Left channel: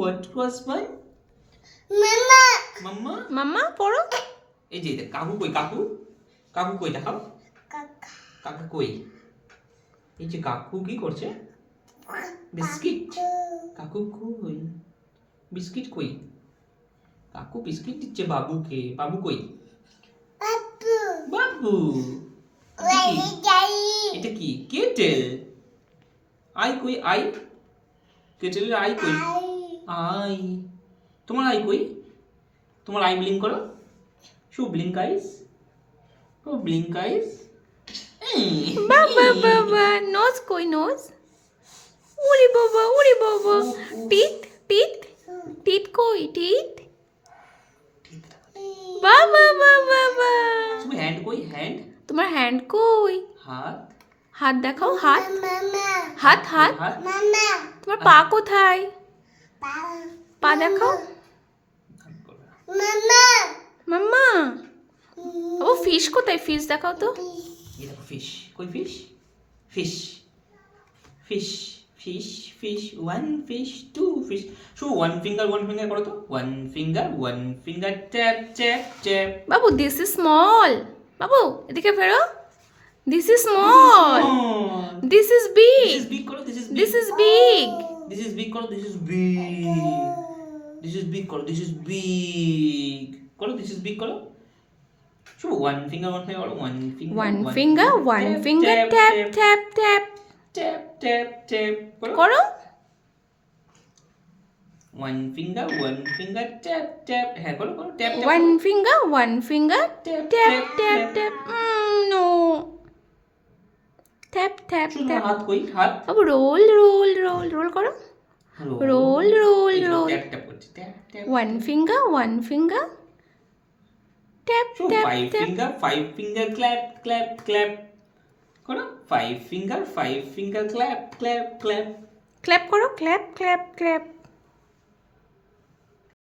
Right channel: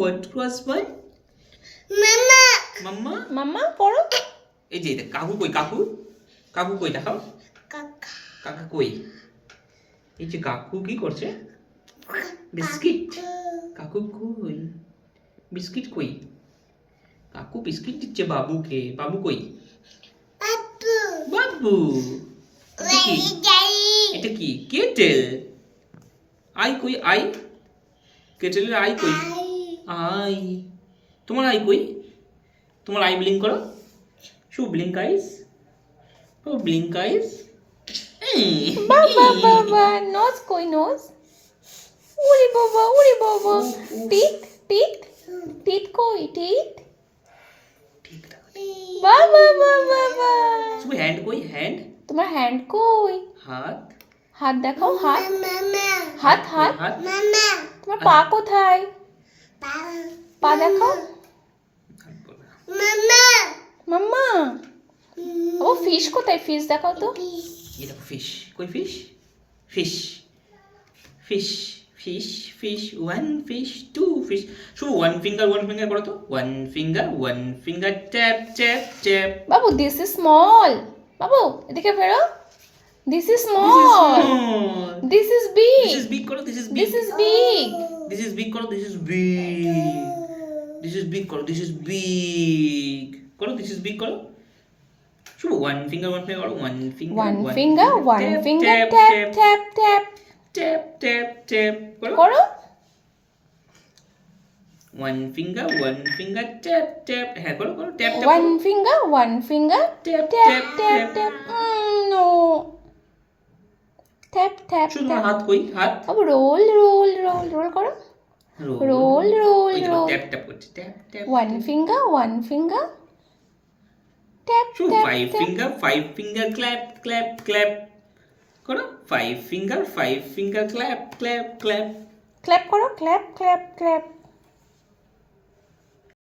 what was one? মাম্মা মাম্মা মাম্মা পড়ো। এই যে কাকু কই কাকু কাকু কই দেখাও কাকা কাকা কই এই যে কাকু কি করছে বিস্কিট কাকু কই বিস্কিট কই কাকু বিস্কিট দিচ্ছে বাবুকে বাবু কই বাবু বাবু এটা কি? ওই যাই এটা কি কেটেল আই কই আই কেটেলের আই কই আই আই তোমার আই কই তোমার আই ব্লিঙ্ক করো শু ব্লিঙ্ক আইস ও ব্লিঙ্ক আইস বাবা বাবা নোজ কই নোজ? উড়ি বাবা উড়ি বাবা। টিথ টিথ টিথ কই টিথ? বাবা বাবা বাবা। শুধু হ্যান্ড কই হ্যান্ড তোমার হ্যান্ড কই? হাত হাত দেখাও হাত মাম্মা হাত হাত। হাত মাম্মা তোমার পা কোথায়? পা দেখাও। মাম্মা মাম্মা ও ফিশ কোথায়? ফিশ দেখাও তো। এই দেখো ফিশ কই fish fish fish fish fish one fish two fish শুধু ওয়ান ফিঙ্গার করো তো one finger tap tap tap বাবু দিস ইজ স্মল। বাবু এদিকে ফেরো। This is small. This is big. This is big করো this is this is big. This is big করো this is big this is big করো this is big করো this is big করো শুধু one finger করো one finger One finger, tap, tap, tap. Tap tap tap করো করো। One finger tap tap হ্যাঁ করো করো tap tap One finger, Tap, tap, tap, tap, tap. tap. No. Tap, tap, শুধু tap. হাত কই হাত বাবু রোল রোল রোল রোল করো। Roll, roll, roll. Tap tap করছে tap tap One finger. Tap, শুধু tap, five finger clap clap clap করো five finger clap clap clap Clap করো, clap, clap, clap.